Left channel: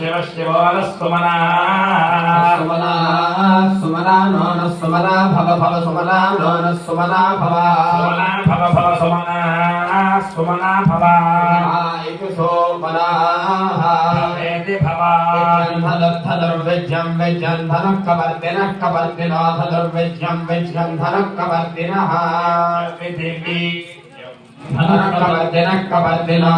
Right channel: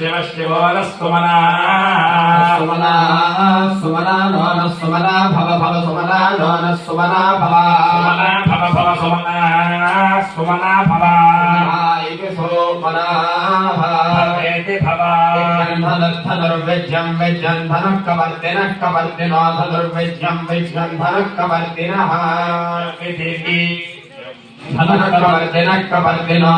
शिव शिवो न सुमना सुमना सुमना नो न सुमना भव भव सुमना नो न सुमना भव सुमना भव भव सुमना सुमना भव इति सोमना भवेति भव धनुर्विद्यं विद्यं धनुः कवर्तिनः कवर्तिनो धनुर्विद्यं विद्यं धनुः कवर्तिनः धनुः कवर्तिनो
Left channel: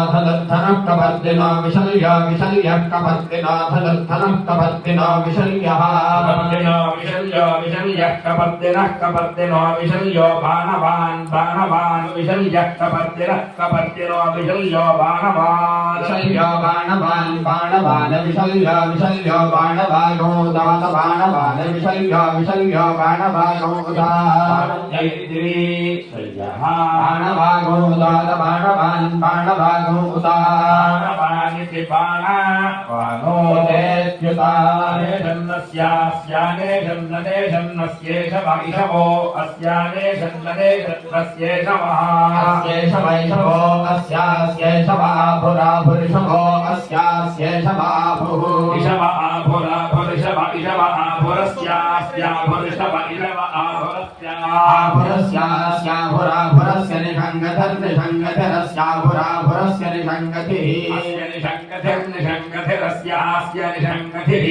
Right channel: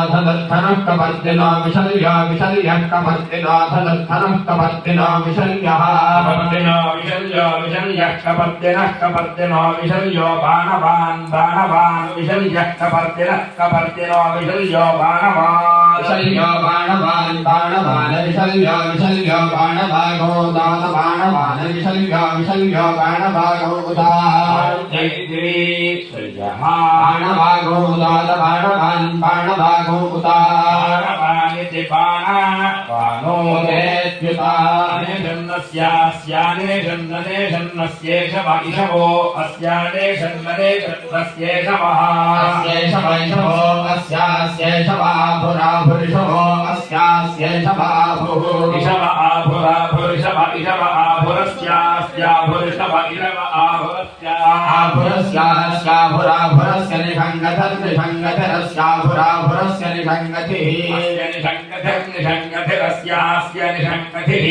धनुः कवर्तिनो विशल्यो विशल्यः कवर्तिनो धनुः कवर्तिनो विशल्यः कवर्तिनो विशल्यो विशल्यः कवर्तिनः कवर्तिनो विशल्यो बाणवान् बाणवान् विशल्यः कवर्तिनः कवर्तिनो विशल्यो बाणवान् विशल्यो बाणवान् बाणवान् विशल्यो विशल्यो बाणवागो दात बाणवान् विशल्यो विशल्यो बाणवागो दात बाणवागो दात बाणवान् बाणवागो बाणवानिति बाणवानो अस्यानेषन्नस्येष वैषवो अस्यानेषन्नस्येष वैषवो अस्यास्येष वाभुराभुरिषवो अस्यास्येष वाभुः इषव आभुराभुरिषव इषव आभुरस्यास्याभुरिषव इषव आभुरस्याभुराभुरस्य निषङ्गतिरस्याभुराभुरस्य निषङ्गतिः निषङ्गतिरस्यास्य निषङ्गतिः